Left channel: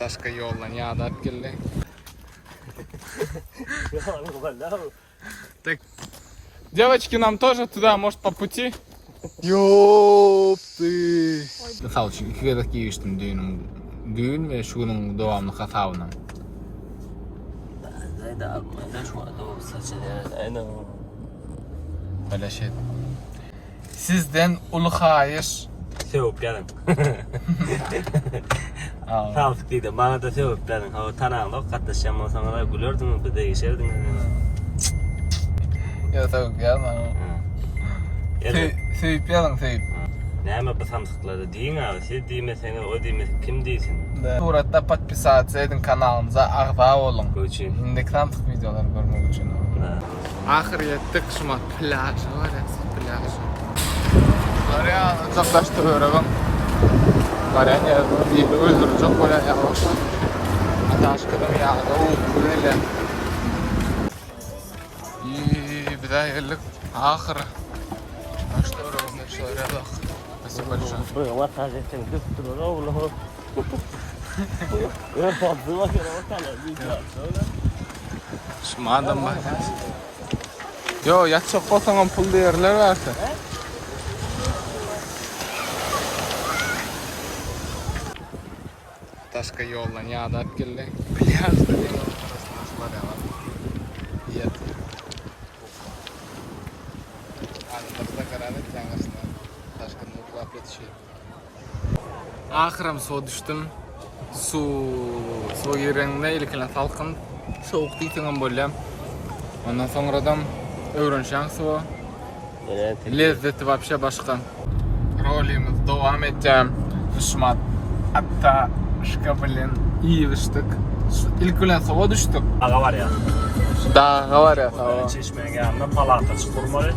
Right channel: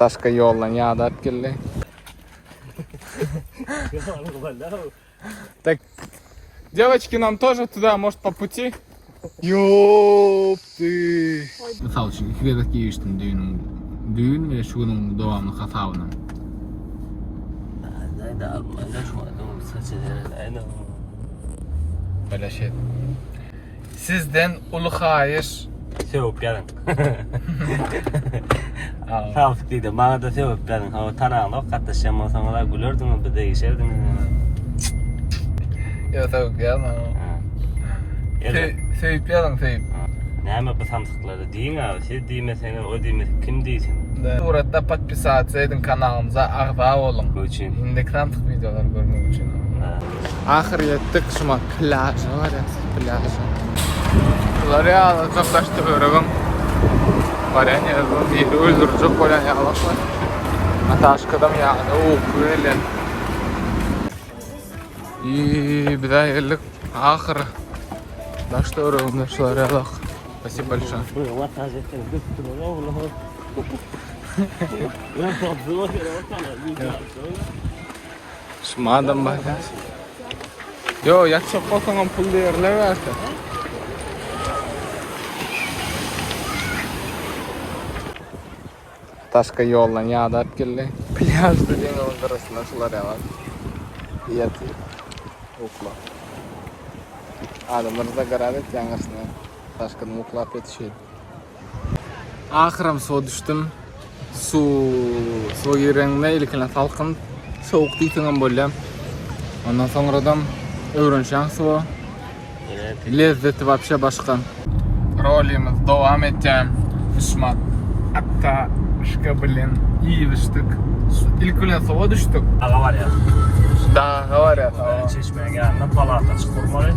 Наташка yolla yağdap geldi. Так, девочки, нам тоже туда, может, по пути? Ёпты. Misal üçün 2 kere giyiştim düğün ve şunun devamlı kasavına. Böyle şey. Sizden ulu hayır. Sevip yarın. Tavuk dedim, bana da sevip yarın. O tanağılıp katlaşacağım, o sana gülürdüm, bir değişirdim. Ya tavuk yarın. Sevip yarın sevip. Neyme bu samsıkları deyin abi, siz deymeseniz o deymeseniz kim deysin? Burada подписаться edin kanalımıza, ağba olun. Bu için. İndeki samsık videolar görmek için. Ahir yettik, şuma plajı var ya, plajı. Bunları ya, uzaklaştırıyorum. Var ya, bir öldürecek olan ya, bakma. Ataşkadım ya, böyle. İyi, bir daha geldik. Ahir. Uzaklaştırıyorum, şuraya bak. Спасибо большое. Вот так же, ты здорово. Я побыл, Madem bak. Yo, yakışık olsan pul değerler varsa. Taşka yolla yağdap geldi. Plaj dediğin ortasında sular ya var. Yet. Okla. Adamlarıza karar et yangasına. Taşkını mutlak yetişiyor. Ahıram su düştüm. Su yerine ilkine salkın. Soğuk deytiğim böyle. Ondan sonradan öğrenşen su. Lezzeti вообще başka. Rolimiz devam edeceğim. Düşman. Hatta şıkabilin iyi düştük. İlk öyle soğuğa düştük. Dağı var ya. Dağı var ya. Çeşmeye geldiğinde palata çıkır var ya.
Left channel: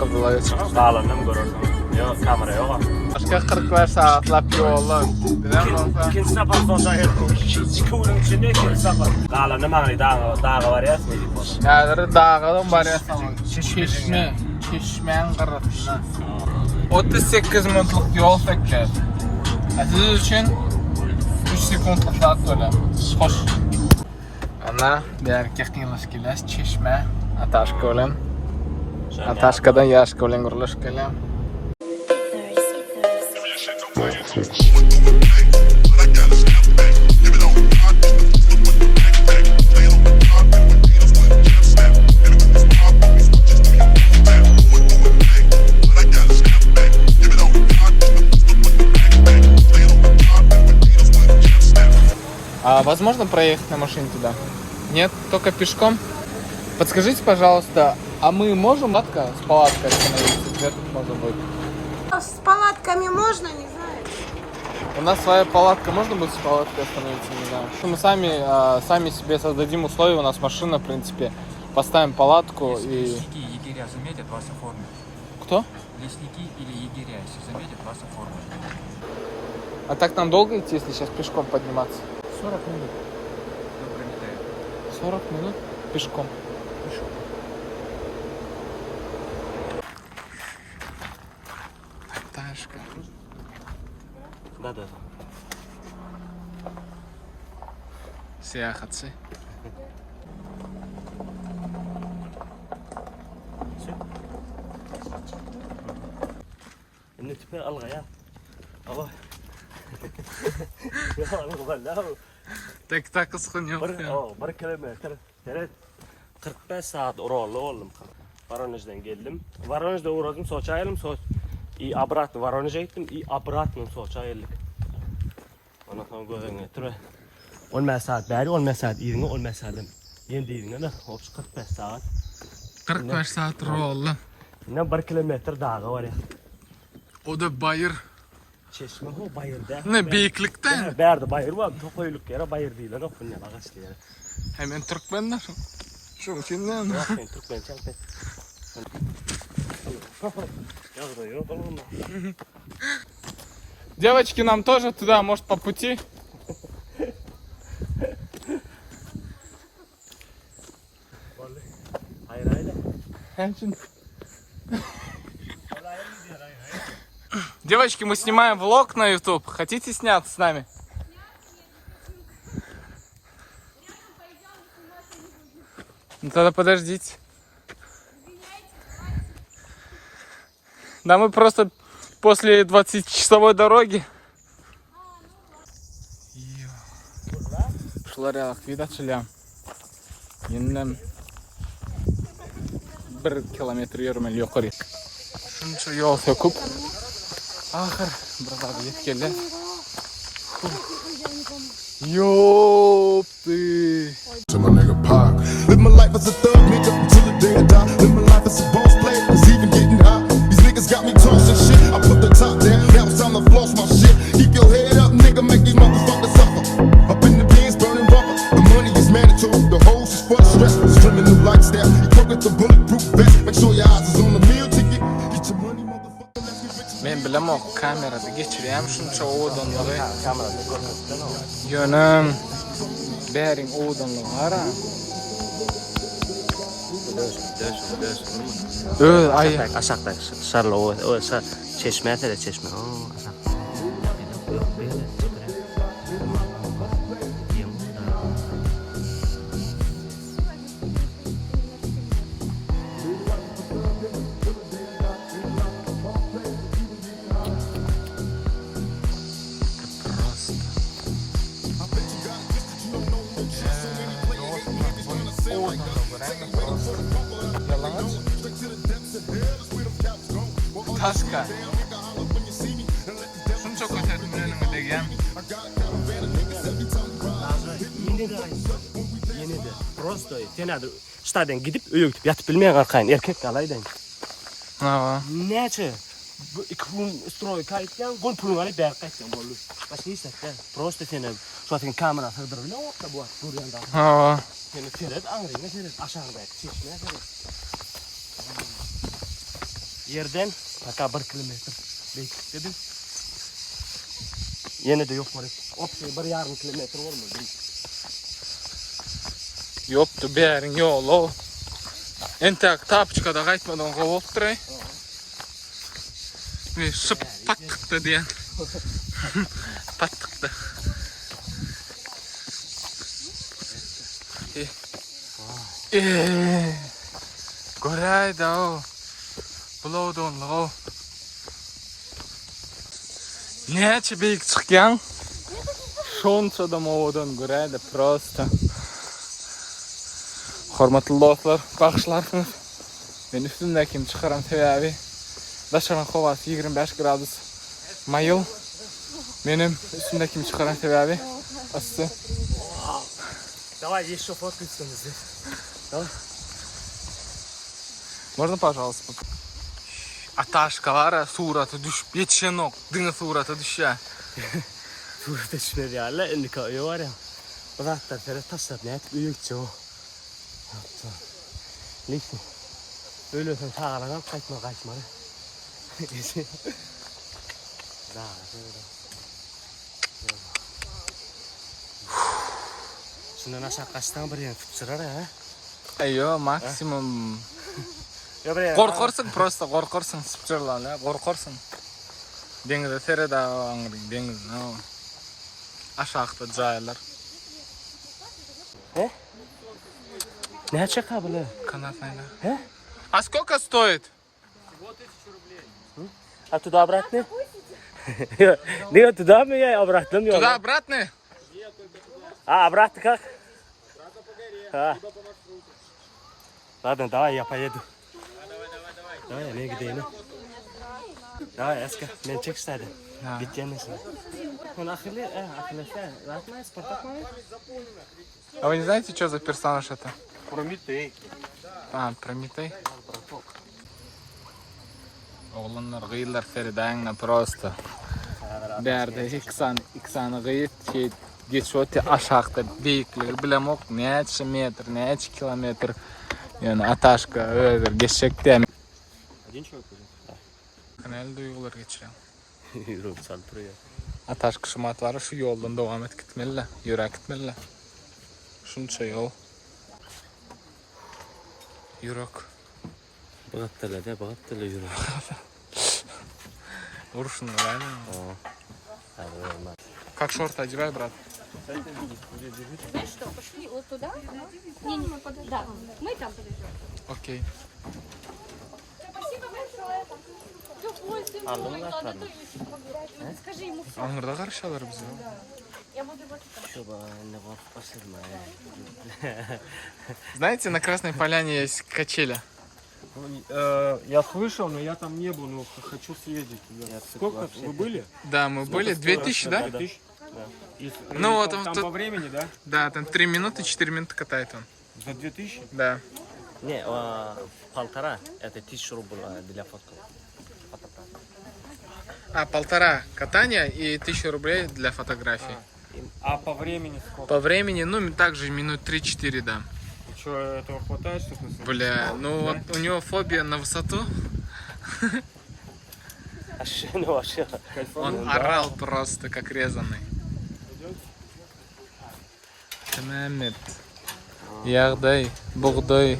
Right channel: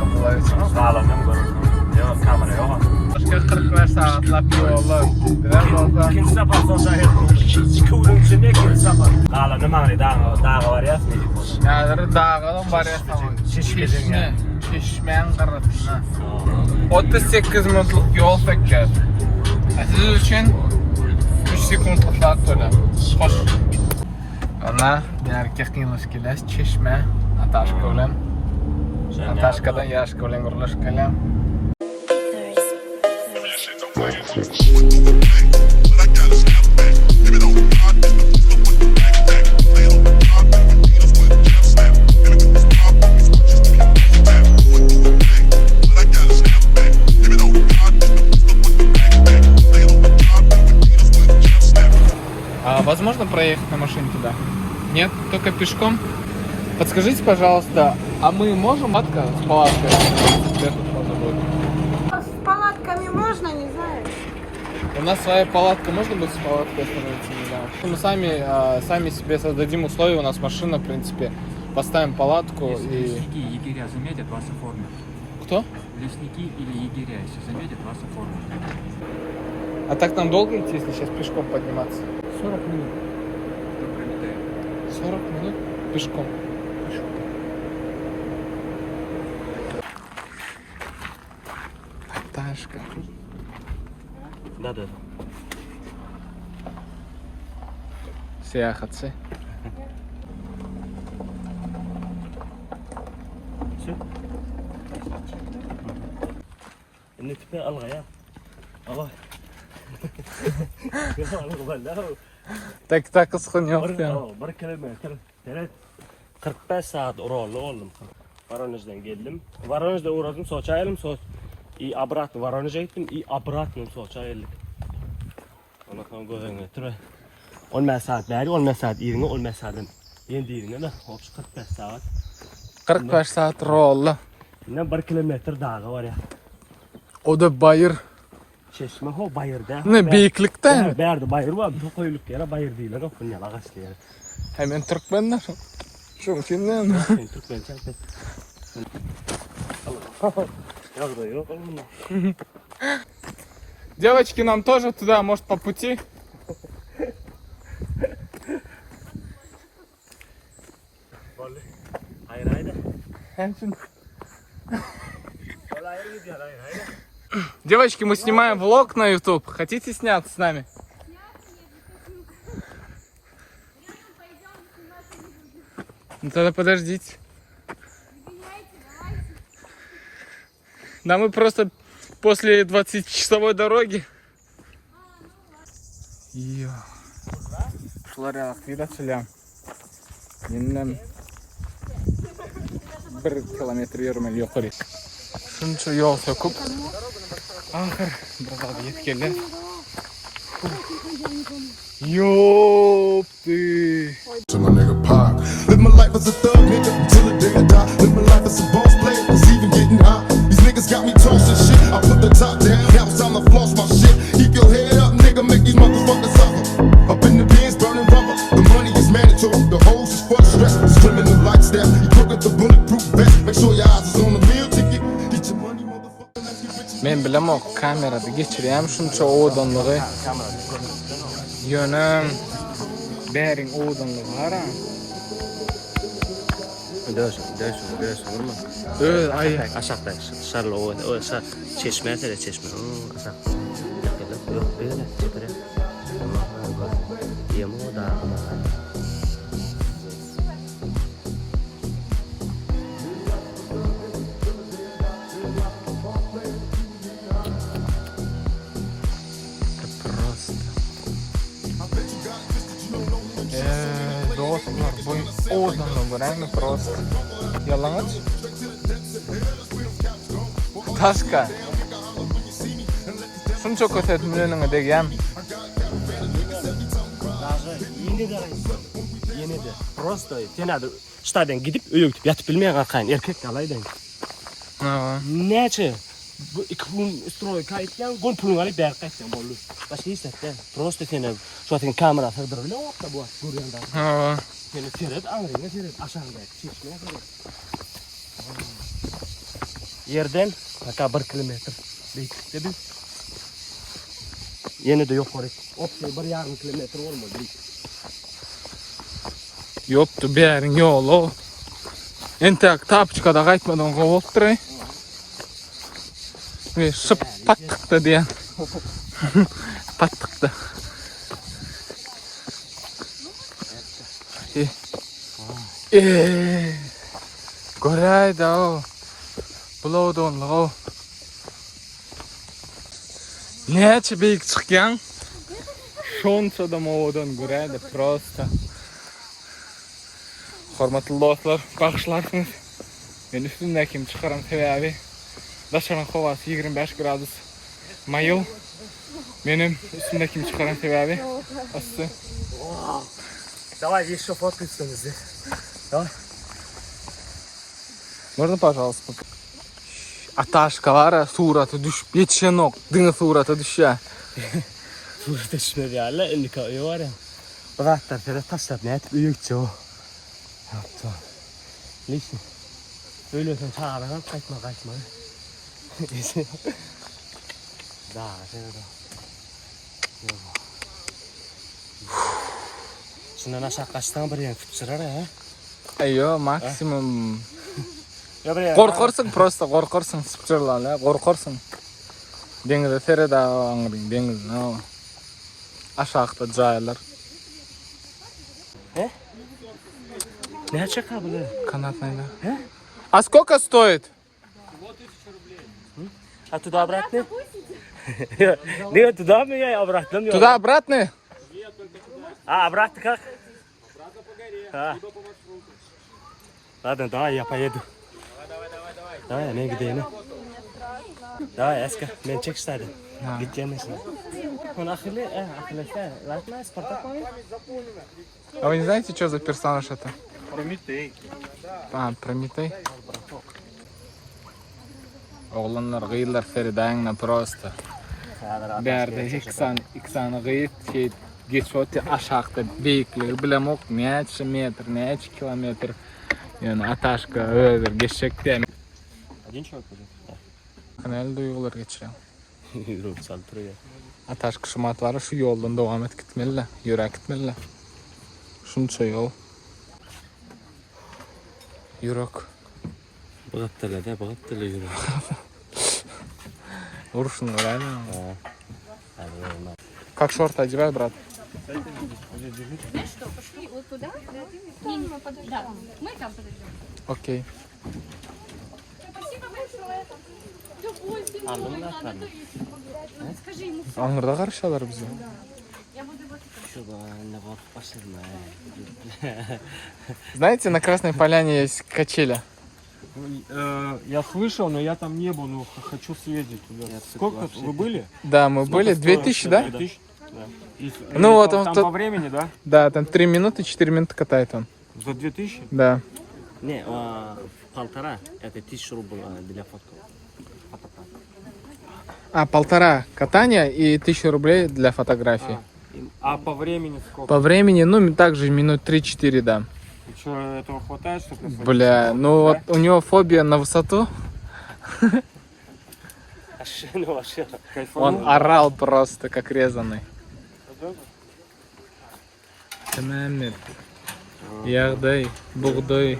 Kızılaya çıkmış. Dağlarından görürsün. Yok kamera yok. Başka 45 saatlap yolu. Biraz olsa. İkinci sefer sosyal hayat. 2 ulum içinde ikinci sefer. Dağlar ne mani dağı var ya. Yani dağılım var ya sana. Çeşmenin karasında. 38 minutluk yol seker. Siz için 3 sekundluk saat böyle. Hoş. Ana bir erkek yılışkiler çeşme. Ataşka olan. Ataşka'da yaşka olan gürülüşkeler. А возможно проехать на машине туда? Нет, только пешком? Подскажите, пожалуйста, а мы можем с палаткой остановиться? Где тут можно будет? С палатками можно, не знаю. У нас своя палатка, можно будет с палаткой остановиться, не знаю. Мы сами себе создадим условия, у нас машина, в принципе, поставим палатку и... Лесники и егеря заметят вас оформят. Кто? Лесники или егеря, если заметят вас оформят. А так нам долго идти, если сейчас пешком подниматься? 40 минут. 40 минут пешком. Аташка. Да. Seyahatçı. Şimdi tipi alga ya. Allah. Tak kıskın yok ya. 1 kilometre. 45 saat uğralı oldum. Voronez'den geldim. Voronez'de uğradım, Soç'a geldim. И обратно Воронеж'e gittim. И обратно Soç'a geldik. Ondan sonra gözüne götürü. 10 saat beri, 10 saat iğne, 10 saatten. Yendi iğne de. 45 saat. 45 saat rolla. Yine 1 kilometre dağı var ya. O da bayır. Çeşme o bayırda. Ne büyüklükte? Berdi bayır var. Çok koyuluk yere bayır değil. O kunyal ağaçlı yere. Hemen Türkmenler. Şu için ne? Türkmen çarpı. Yok da yok. Девочки, нам тоже туда, может, по пути? Hayır. Девочки, мы снимаем влог на YouTube. Хотите сняться с нами? Ну тогда подождите. Да мы просто после 20-часовой дороги. Şular ya, vida çılıyam. Yeniden 1 kilometre yürümeli yukarı. Şunca yol söküp. Ahır burada yetkili. Yoptu. To my nigga Pac. Live my life as a thug nigga until the day I die. Live my life as a boss player, cause even getting high. These niggas got me tossing shit. I put the top down, now it's time to floss my shit. Keep your head up, nigga, make these motherfuckers suffer. Up in the bins, burning rubber. The money is mandatory, the hoes is for the stress. It's criminal lifestyle. You crook with the bulletproof vest. Make sure your eyes is on the meal ticket. Get your money, motherfucker. Let's get rich. Men bilem o kamerada geçireyim şunca oğdanlığı. Yönüm. Berin oğdanlığı var ha. Döş olur mu? Ay. Aşağıda dışarıda o çeşmeye de çeşme. Aşağı. Yok böyle süper. Yemu da. Просто. Yalan. Taşka. Şunu çok ötedim önüne degem. Yeni de. Просто sen ştadan gidip öğütüp yatıp bilmeye kalkayın. Erkek kalaydan. Ha. Neçe? Bu iki gün stroy kayıtlan, gün pulun alıp berkaytlan bolu. Başka hissettin. Просто sen zaten kamera sığdırır. Ne oldu bu? Görüyorsun da. Ha. Seni seyret, angrayına seyret. Aşağıda. Çeşmeye seyret. Yerden hatta 1 kilometre büyüklükte biz. Yine de yok oraya. Opsiyon 1,5 kilometre olmadı. Yoktu bir yerin yolu. İntek tapçıkada kaytmadan kovup duray. Ve şıp pattıktı diye. Pattıktı. Göreydi o. Bulawdun o. Neçe büyük çıkyan? Şonça da moğdan göreydi prosto. Hormatly dostlar, bakışlarsınız. Ben üstündekini çıkaran sebebi dışarı havası 25 gradus mayıl. Benim üstündekini çıkaran sebebi ısı. Давай еще фоткаться здесь. Можно, пожалуйста? Аташка var ya, suratı düşüp yetişen ok. Dini suratı düşüyor. Burada düşmedi ya. La indika öyle var ya. O da hatta böyle taşlar ne etip büyükçe o. Yaptı. Neyse. Öyle sen çağırarak kaçma. Daha şöyle. Şundan aşağı kaçtan bir yana tutuşurar ya. Ayyo, maksimum. Ya buraya. Korkarsın prosto, korkarsın. Sıçırlarla, korkarsın. Denize sere dağı anırın, deniz ne o. Aşağıda caylar. О? Не чека, бля. Канатная, да? А сколько стоит? А туда обратно? Нет, туда меня обратно. Туда-обратно? А, обратно как? Ладно, давай я поеду. Давай, я не гидейну. Давай, Эска, мен чек стады. Гидейнесин. Он ахиллесе, латмай, Спартак мой? А вы не знаете, что за персонаж это? Прометей. А, Прометей? Oğlanlar gıyırlar Feride'yle prosto. Berde iksanı gıyıt şey geçiyordu aşağıda büyüklüğü bilem ok neçe metr, neçe kilometr yani Ataşka öyle geçecek diye. Один человек уже? Kanal duygular geçiriyor. Yürü, sen duruyor. Ataşka şumat var şu yoldan devam et gitmeli, yürek gitmeli. Şunca yol. Yürek. Bağıttırla yürü. Vuruşun öyle mi? Hadi olmaz. Как шорты одевай, брат? Знаешь что, пошли вот туда. Не, мы подождем. Да, мы там подождем. Окей. Спасибо большое. Скажи ему. Аңырда карашалар бизге. Я буду его Знаете, на Красной Поляне есть качели. Я слышал, но я там не был, но хочу съездить туда. Сколько вы были? Да, мы были. 2000, да? 2000? Да. Ну вот он там тут- по времени, да? Да, там 3 минуты, 4 минуты катает он. За 2000? Да. Не, полтора, это 1000 рублей для фотки. А, 1,5 катания и 1000 рублей для фотографий. А по времени сколько? По времени, ну, также минут 3-4, да. И что, этого хватает, чтобы на Бля, ну вот у него фобия на высоту. Он орал просто, как резанный. Тәмәмет. Ягдай, бугдай.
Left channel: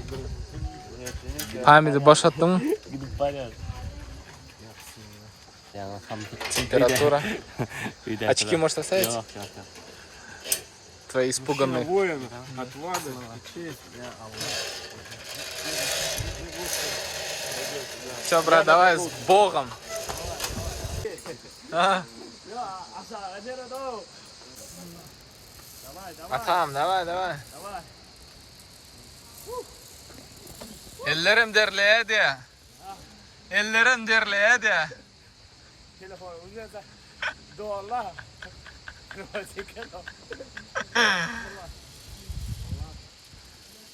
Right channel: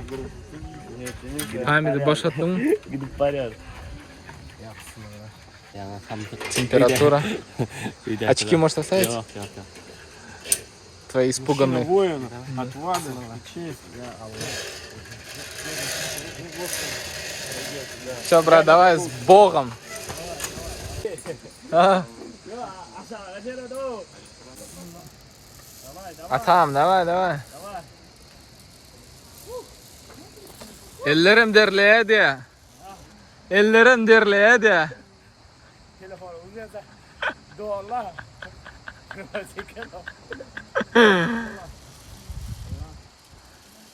Хамиді башаттың? Гидip порядок. Температура. Очки можешь оставить? Yok. Твои испуганные. Воин, отвага, честь. Все, брат, давай с Богом. А? Атам, давай. Ellerim derleyedi. Ellerim derleyedi. Telefonu üzerinde dolarla.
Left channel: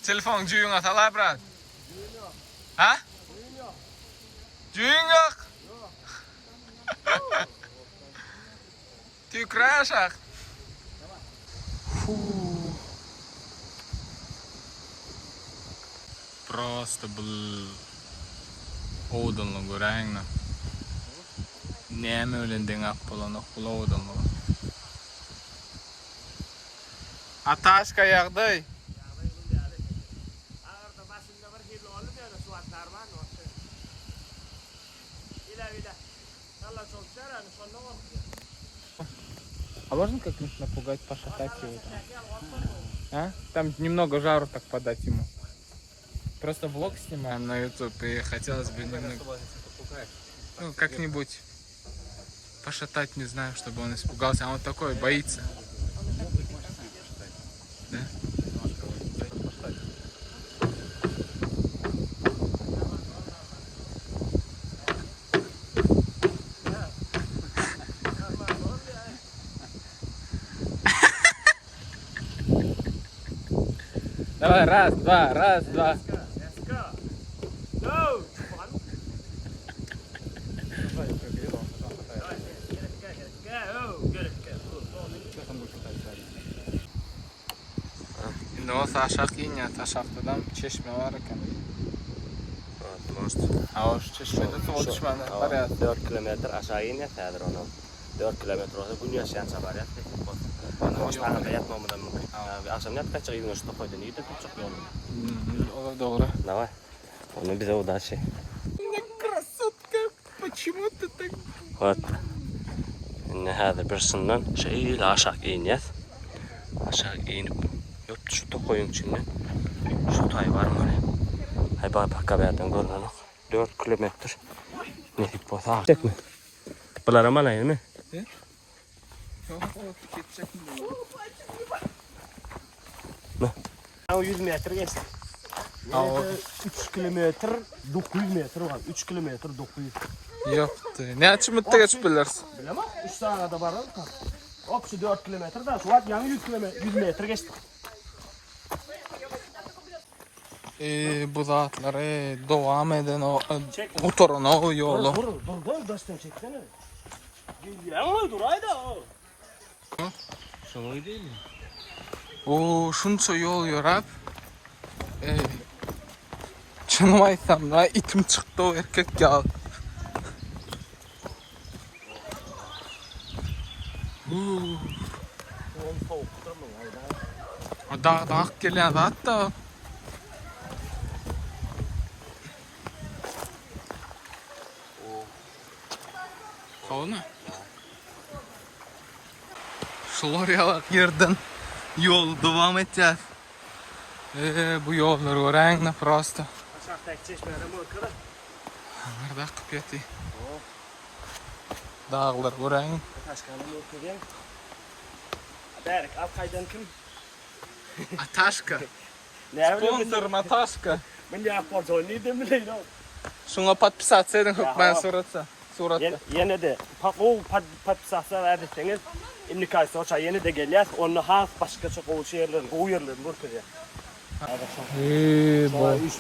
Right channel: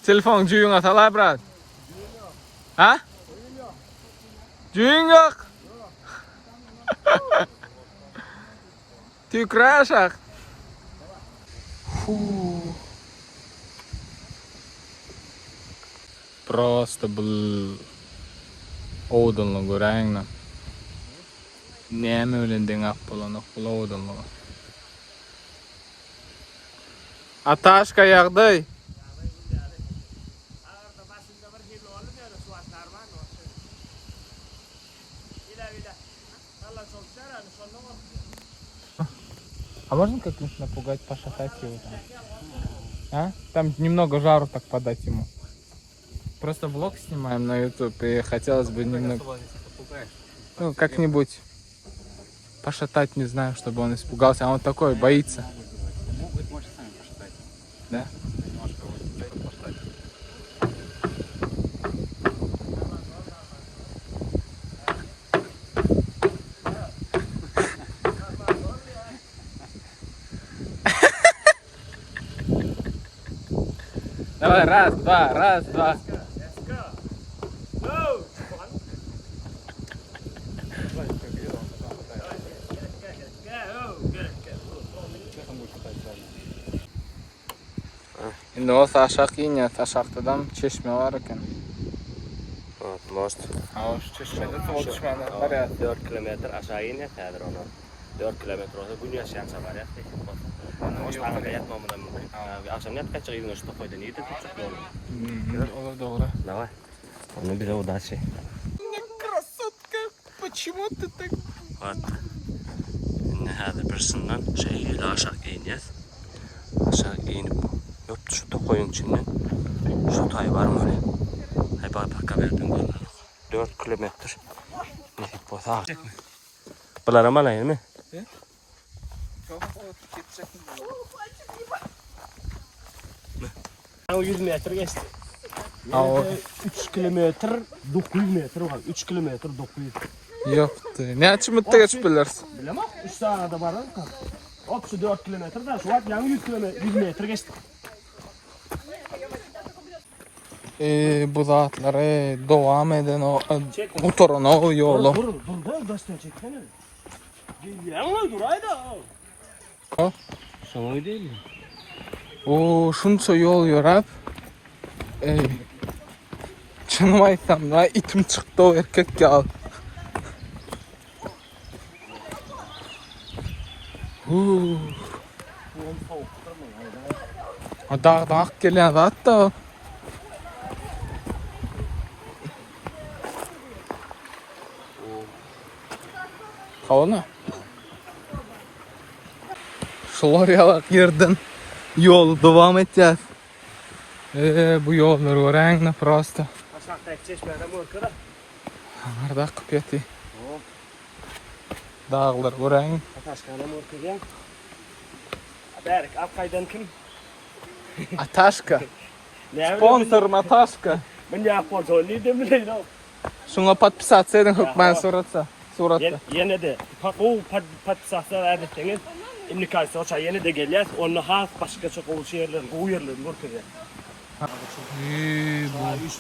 Telefon cüyün atalay, brat. Ha? Cüyün yok. Tükre aşağı. Просто был оудынлы көрәңні. Нәмі өленден ақ боланы құла оудынлы. Аташка яғдай. А можно как-нибудь напугать Паша Хайки? А? Там немного жару так подать ему. Просто влог снимаем на YouTube, и хотелось бы немного... Ну, как-нибудь пошатать, не знаю, чтобы он испугался. А он такой, боится. Да? Давай, раз, два. Endi o aşağı inyat, aşağıdan çeşme var ekan. Может. Ha, o çeşmede suv düşmedi. Qarayat. 4 kilometr aşağı iniyor Kadir ondan. 4 kilometr olsa bu yaşayan çabar yaptık. Boşlarında yatmamıdan mümkün. Akşam ne yapacak? Yine şu koydun. İyi de tutacak yolu. O doğru. Давай. Ну, без удачи. Красотка, почему ты так... Вот. إن هذا برسنن شيء aşağı iniyor. Aşağı inip yok şu da koyun içinde. Şu tay var mı öyle? Hay bak haberden görünen 4 kilometre. Ne tip bu? Ha. Çekme. Bunlar ama ne mi? Ne? O 100 metre geçti. Ha, 3 kilometre 900 metre var. 3 kilometre 900. Yoktu. Ne açımıtta geçip bilirsin? Bilemem. 3 tane de var. Hop şu 4 kilometre da şu an yani 100 metre geçti. Bu zatları devam eden oturan o yolu. Dur daştan çeksene. Yanına dur hayda. Ha? Sana değil mi? O şunca yol yorap. Şunu aytsam da itim çıktı o erkek ya. Dağ geliyor hatta. Hava ne? Şoloriyalak yerden yolu devam edeceğiz. Bu yollar öğrenle prosto. Aşağıdaki çeşmeden korkuyorum. Arda kıpyeti. Dağlar öğren. Ataşkan'a korkuyorum. Berk, Akkay'dan kim? Ataşka. Ne Sponsor Ataşka. Ben de sponsor ne demeliyim oğlum. Şuna patpisatsaydın hükmen suratsa. Yine de pat sahsa erdetseniz şimdi karşı oça yine de geliyor. Onu has başka çok oluşuyorlar, koyuyorlar korkuyor. Bu. İş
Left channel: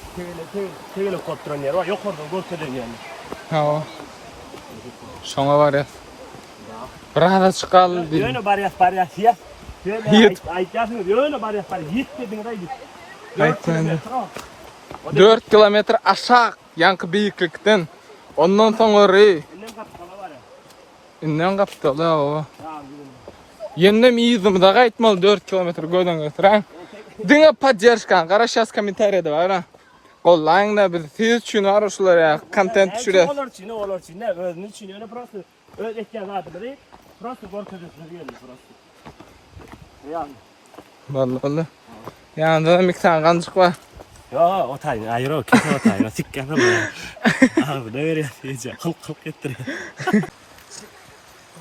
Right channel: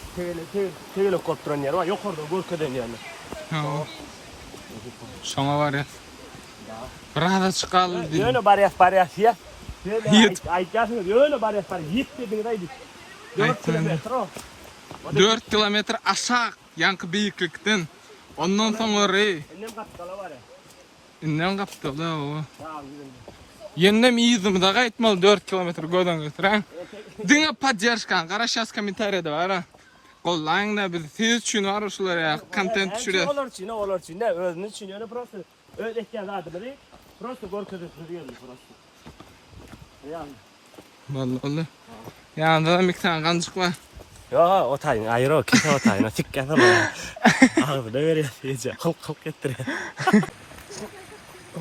tele kontrol yer var. Yok orada korkuyor yani. Ha. Şuna var ya. Burada çıkalım. Yöne bariyas ya. Yet. Aytasın yöne bariyas yet dedin raydı. 4 kilometre aşağı yankı büyüklükten. Ondan sonra Annem kapitalı var ya. İnden kapitalı o. Tamam gidelim. Yennem iyiydim da gaytmalı 4 kilometre göden götüren. Dine padjerşkan, qarashas kommentariyada var ha. Qo'llayinglar biz siz uchun arashular ya, kontent tushirasiz. Olar için ne özünü için yani prosto. Öz etken zaten biri. Prosto korkuyor yani prosto. Yani. Vallahi. Yanında da miktar qancık var. Ya o tayin ayrı o kese o tayin. Tikkan ama. Abi ne veriyor iyice. Kılk ettiriyor.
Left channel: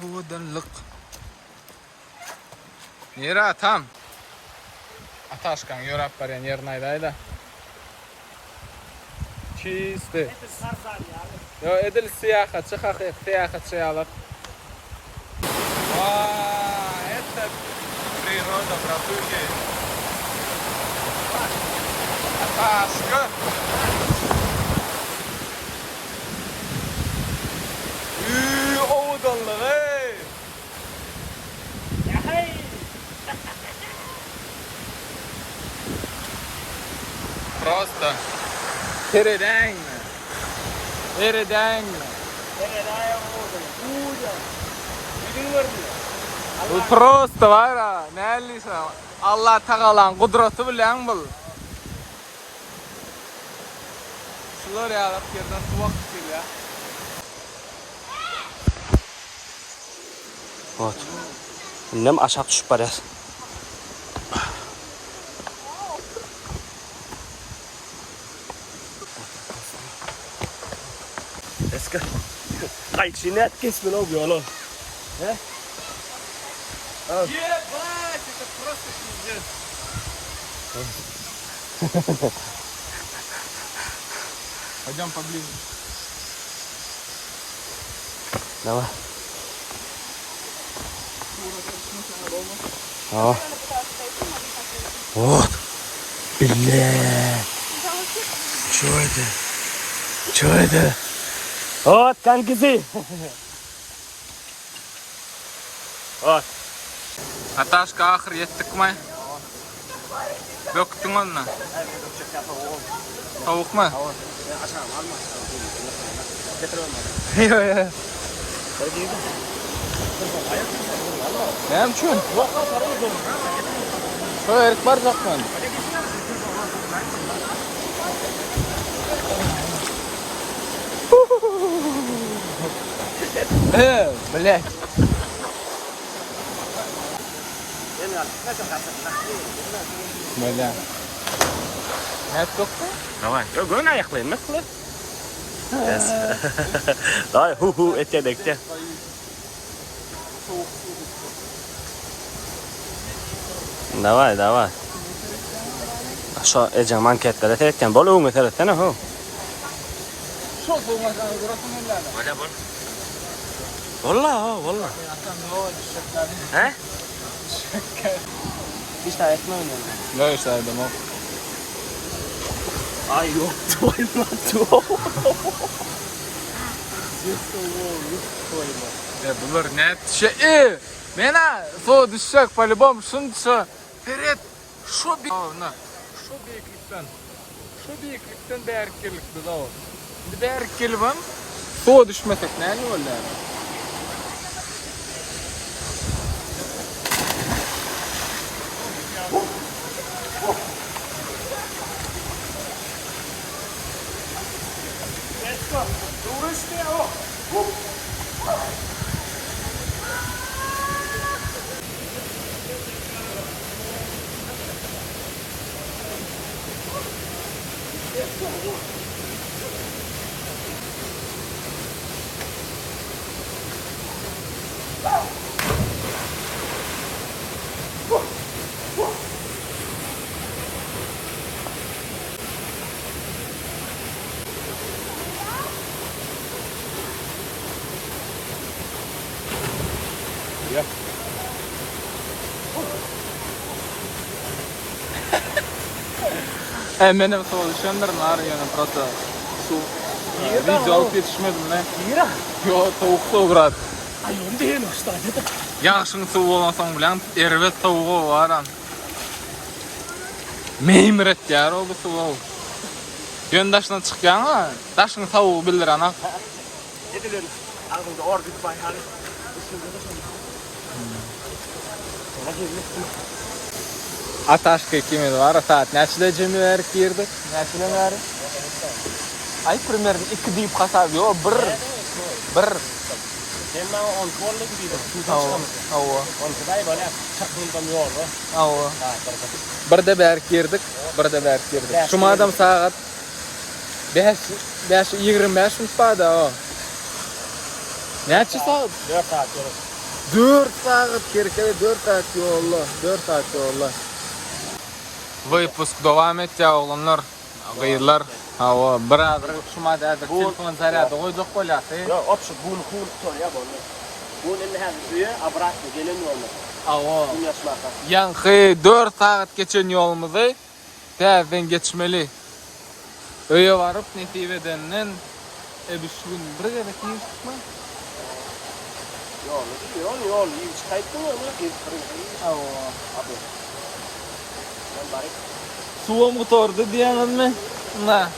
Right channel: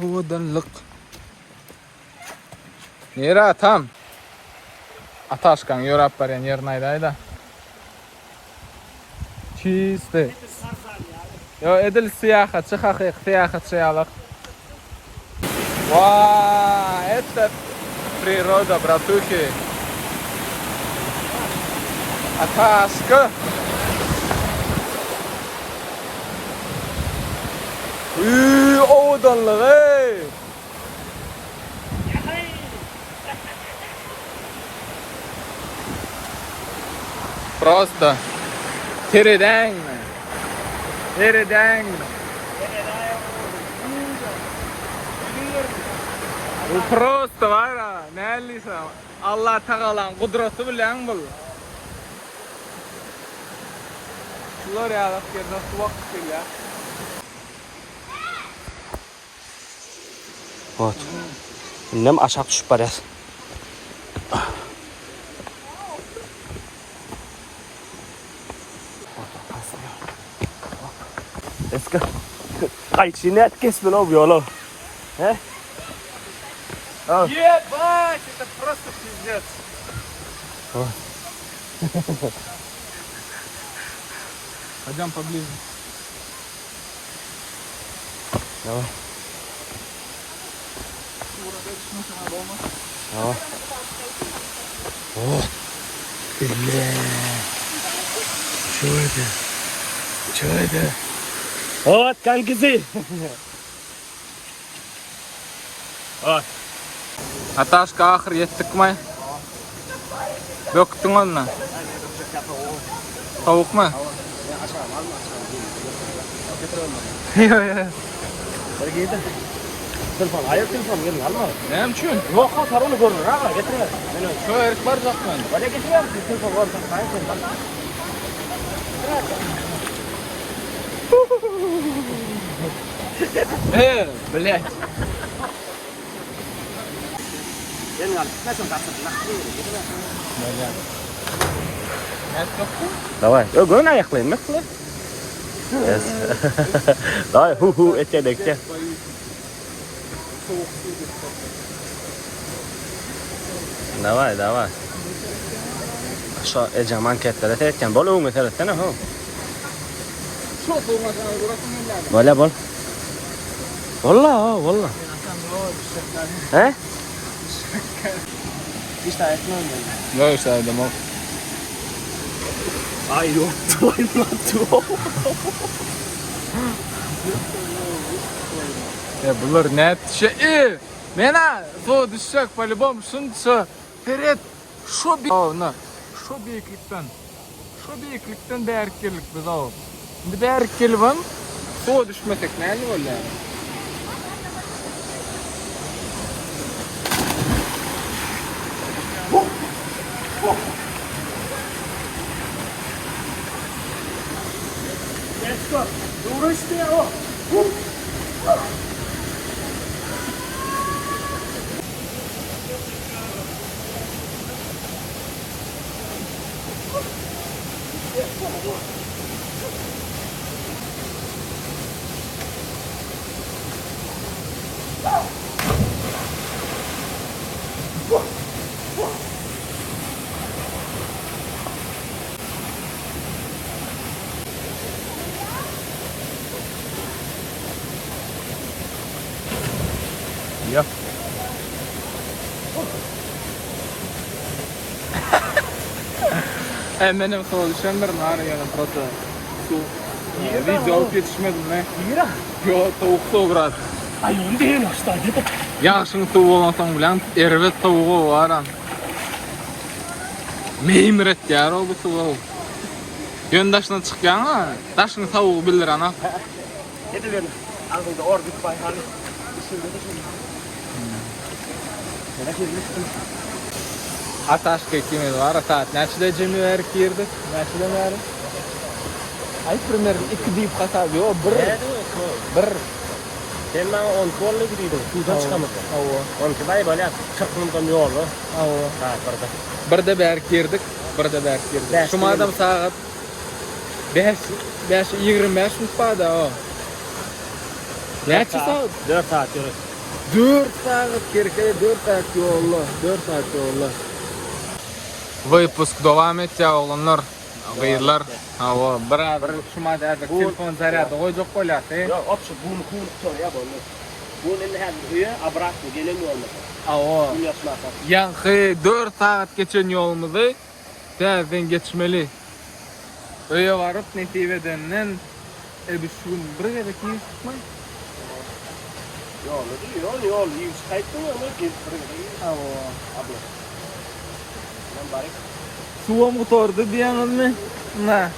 Odanlık. Nere tam? Ataşkan yorap var yani yernaydayda. Çizdi. Yo edil siyahatçı haqiq siyahatçı alaq. Vaa, это природа, братухи. Ataşka. Odanlık ey. Просто передайно. Bu просто var ya, neyse Allah Teala'nın kudreti bilen bul. Şular ya bak yerden su vakit ya. Вот. Nem aşağı düşüp var ya. Eski. Ay şimdi kesme lan bu yolu. He? Ебать, это просто пиздец. Пойдем поближе. Давай. Вот. Бля. Что это? Что это? Вот, kankisi. Вот. Ataşka ahir yettik mi? Döktün onu. Tavuk mu? Yo. Telefon, ayak telefon yerin alma. Ne için? Yok, sarılı görünür ha, getirme. Şu erik var yok mu? Hadi geçiyor musun? Telefon var, kayıt Блядь. Давай. Yo, gön ayaklayın mı kılı? Yes. Давай, hu ete bekle. Давай. Aşağı ecem anketlere tekken bol uğun eteretsene hu. Böyle bol. Valla. He? İşte ayaklayın ben. Yok saydım o. Ay yok, tuvalet. Bunlar ne şey? Mena su düşecek по-любому şunca. Перед şu bir ona. Şu büyüklükten değerlilik biz o. Bir değerlilik var. Su düşmesek ne olur yani? Benim soğuk düşenlerin ağrı yani просто şu video alıp yetişmedim ne? Yo soğuk bırak. Ay onu değil hastaydı. Yaxşın soğuk olmasan bilen ervet soğuğu var an. Meymiret yar o bu soğuk. Yöndaşına çıkıyor ama daşın soğuğu bilir ana. Yedilerini. Ağzında ordu bayhalı. Üstünde de şöyle. Merak etme. Ataşka kimi var saat neçede cümle verip girdik. Neçede mi verip? Ay примерно 2 deyip qasadı o 1. Sen bana 10 kolla gidiydin. Sudan çıkamaz. Ava. 12 day böyle 40 minutdan yolu. Ava. Ha, burada. Bir de berk girdik. Bir de berk girdik. Berk Şu adam saat 5:25 mutfada o. Neçe saat? 4 saat yolu. 4 saat gerek 4 saat yolla. 4 saat yolla. Выпуск devam etja oğlanlar. Gıyırlar. Ava. Bir şuma da telefon zaryadı koyduk kolyası. Ya opşu bunu kuğunu tutar ya bunu. Bunun eline hem üye abraklı gelemiyor olmasa. Ava. Bunu yaşmakta. Yankı 4 saat geçen yolumuzu terden geçmeli. Öye varıp netiveden ebüşün bir kere kimi çıkma. Yolu değil yol. İyi çıkayttın ya onu. Ava. Abi. Lan bari. Suva motordu diyanız mı? Na.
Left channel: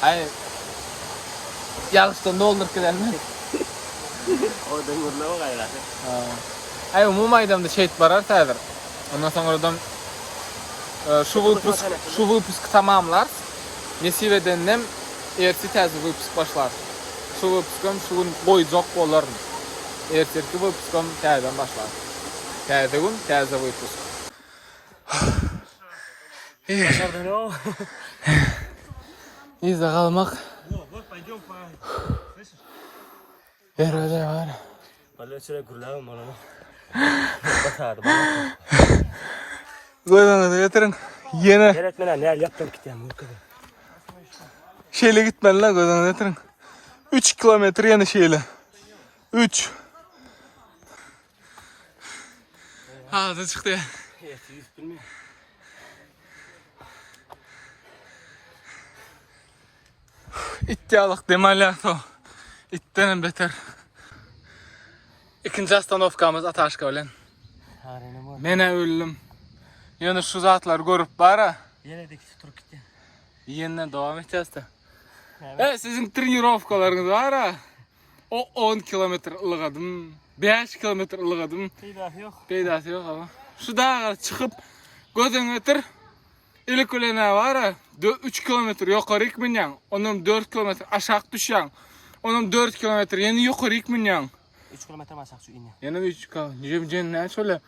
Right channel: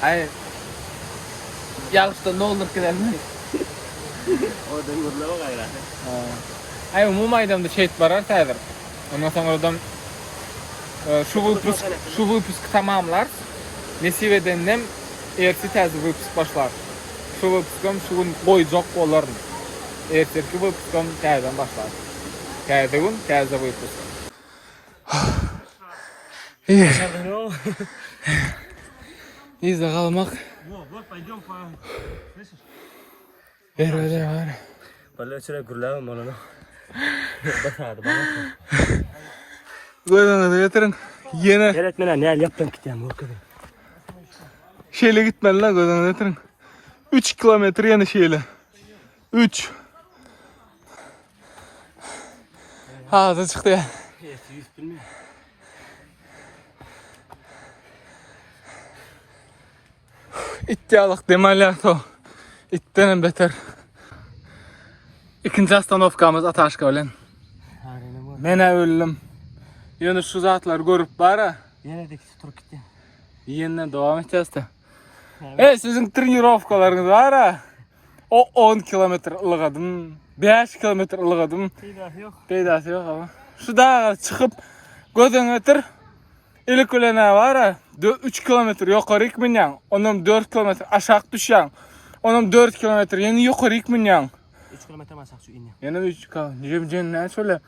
Hayır. Yarışta ne olur ki mi? O da vurma gayra. Hayır umum aydamda şehit barar tadır. Ondan sonra adam şu выпуск tamamlar. Nesiveden erti tez выпуск başlar. Şu выпуск'ım şu gün koyacak olur. Erteki выпуск'ım tezden başlar. Tezde gün tezde выпуск. İyi. İzle kalmak. Ver öyle var. Böyle şöyle gürlemem onu. Batardı bana. Koydan da getirin. Yine Öğretmenen ne yaptım gideceğim o kadar. şeyle gitmen lan koydan da getirin. 3 kilometre yani şeyle. 3. Ağzı çıktı ya. İttiyalık demeler o. İtten beter. İkinci astanovkamız Ataşka ölen. Mene öldüm. Yani şu zatlar görüp bara. Yine de tur gitti. Yeniden devam edeceğiz de. Sizin trenirovkalarınız var ha. O 10 kilometre ılıgadım. 5 kilometre ılıgadım. Peydası yok ama. Şu dağa çıkıp gözün ötür. İlk ölene var ha. 3 kilometre yukarı ikminyan. Onun 4 kilometre aşağı düşen. Onun 4 kilometre yeni yukarı ikminyan. 3 kilometre masak şu iniyor. Yine 3 kilometre. Ne söyle?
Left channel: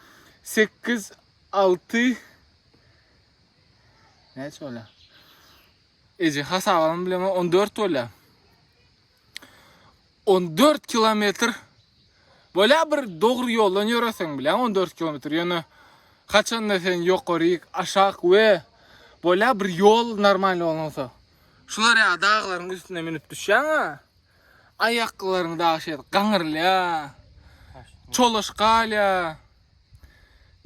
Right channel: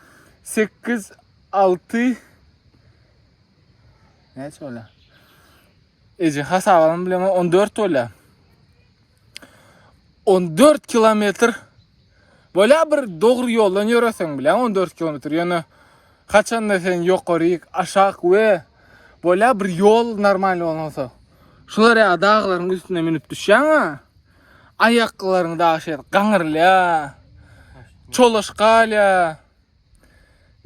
8, 6. Ne söyle? Ece hasabalım bilmem 14 öyle. 14 kilometre. Böyle bir doğru yoldan yürüyorsun bile 14 kilometre. Yani kaçan da sen yukarı aşağı ve böyle bir yol normal olmasa. Şular ya dağların üstüne minip düşen ha. Ayaklarını da şey kanırla. Çoluşkal ya.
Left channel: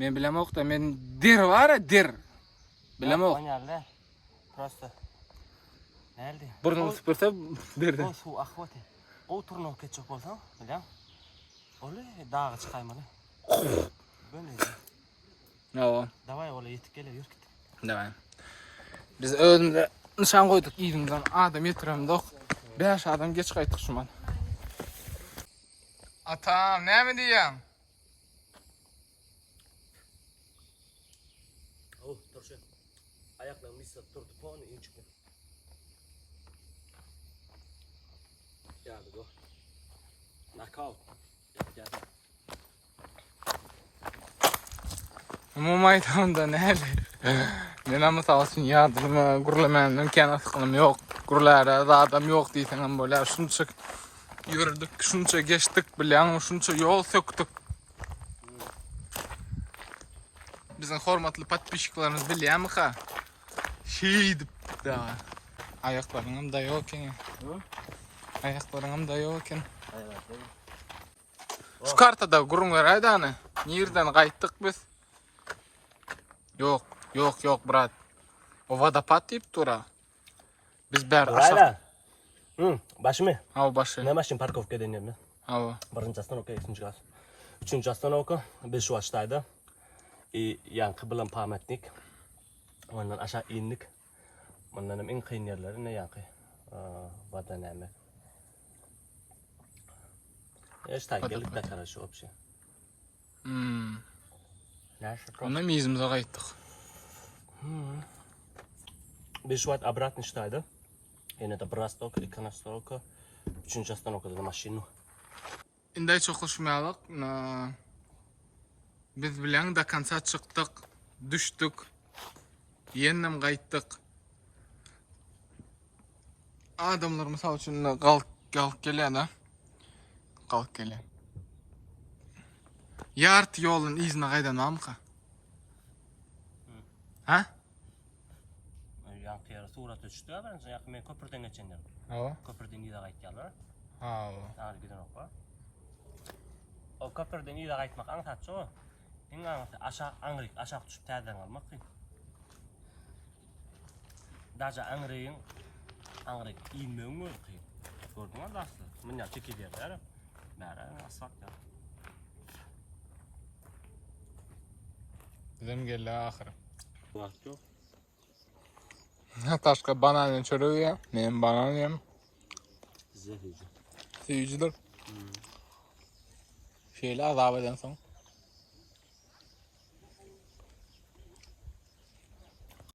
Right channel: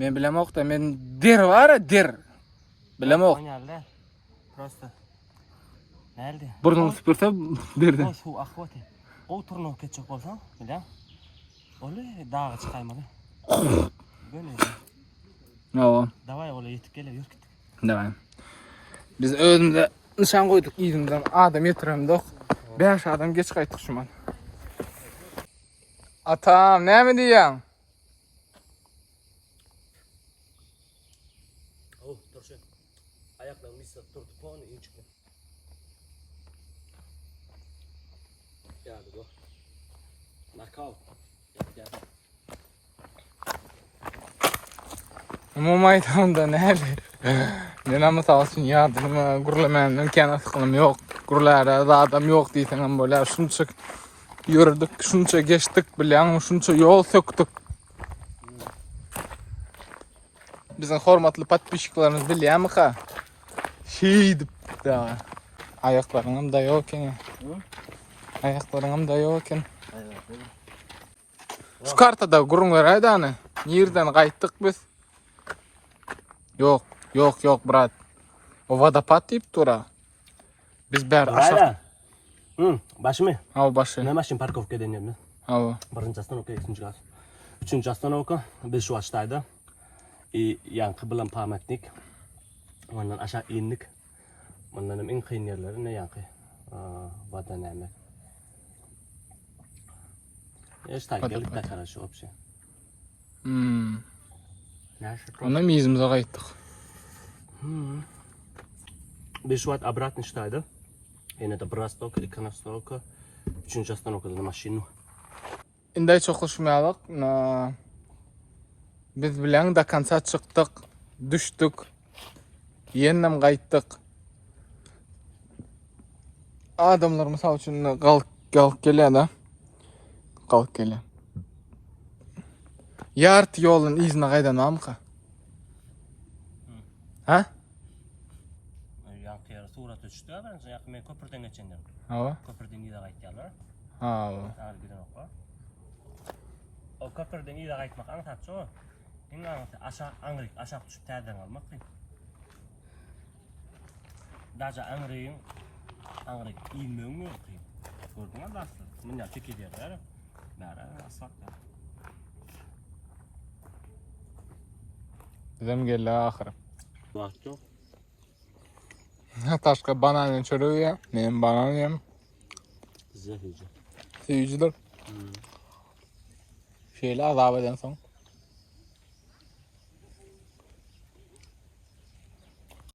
Ben bilmem yok da men der var ya der. Bilmem yok. Nerede? Prosta. Nerede? Buradan süpürse derdi. O su akvati. O turnu keçecek olsan, biliyor musun? Öyle dağa çıkaymalı. Böyle. No. Davay öyle yetip geliyor, yürü git. Devam. Biz önümüze nişan koyduk iyimden adam yetiremdik. 5 adam geç kaytık şu an. Atam ne mi diyorsun? Oh, dur şu. Ayaklarını ise durdu puanı in çıktı. Geldi bu. Knockout. Geldi. Bu maydanda neler? Men misal üçün yardıma gurulamanın imkanı sıkılım yok. Gurlara adam yok diýsen böyle şunça yürüdük, şunça geçtik bilýän, şunça yol söktük. Bizim hormatly patpişiklarymız bilýärmi ha? Şeýdip da. Ayaklarım da yok eken. Ayaklarım da yok eken. Şu kartada gurunlar aýdany. Nerden gaýtdyk biz? Yok, yok, yok brat. O vodopad diýip tura. Biz bäri aşak. Ayla. Başımı. Al başı. Ne maşin parkovka denýärmi? Al. Birinci oстановка, ikinci gaz. Üçüncü oстановка, biz şu açtaydı. Yankı bilen pametnik. Ondan aşağı indik. Ondan en kıyın yerleri ne yankı? Vatan emek. İşte geldik de karşı opsiyon. Ona mizimize gaýtdyk. Biz şu an обратно штайdı. Yine de bir oстановка, ikinci oстановка, üçüncü oстановкада maşinu. Indi çok hoşmaýalyk. Biz bilen da konsa çykdyk, düşdük. Ýenem gaýtdyk. Adamlar mysal üçin galyp gelýär da. Galyp gelýär. Yart ýolun izine gaýdanamka. Ha? Yankı yere surat düştü ya ben yankı men köprüden geçenler. Ha. Köprüden iyide gaýtdylar. Ha. Ağır giden okla. O köprüden iyide gaýtmak aňtatçy o. Eň aňaty aşağı aňryk, aşağı düşüp täzeden almak kyn. Daja aňryň aňryk inmegiň özü kyn. Gördüňiz dasly. Men ýa teki diýer. Bära asfaltda. Bizem geldi ahir. Wagt ýok. Taşka banan çörüyor. Men banan yem. Zehirci. Seyirciler. Şöyle azap eden son.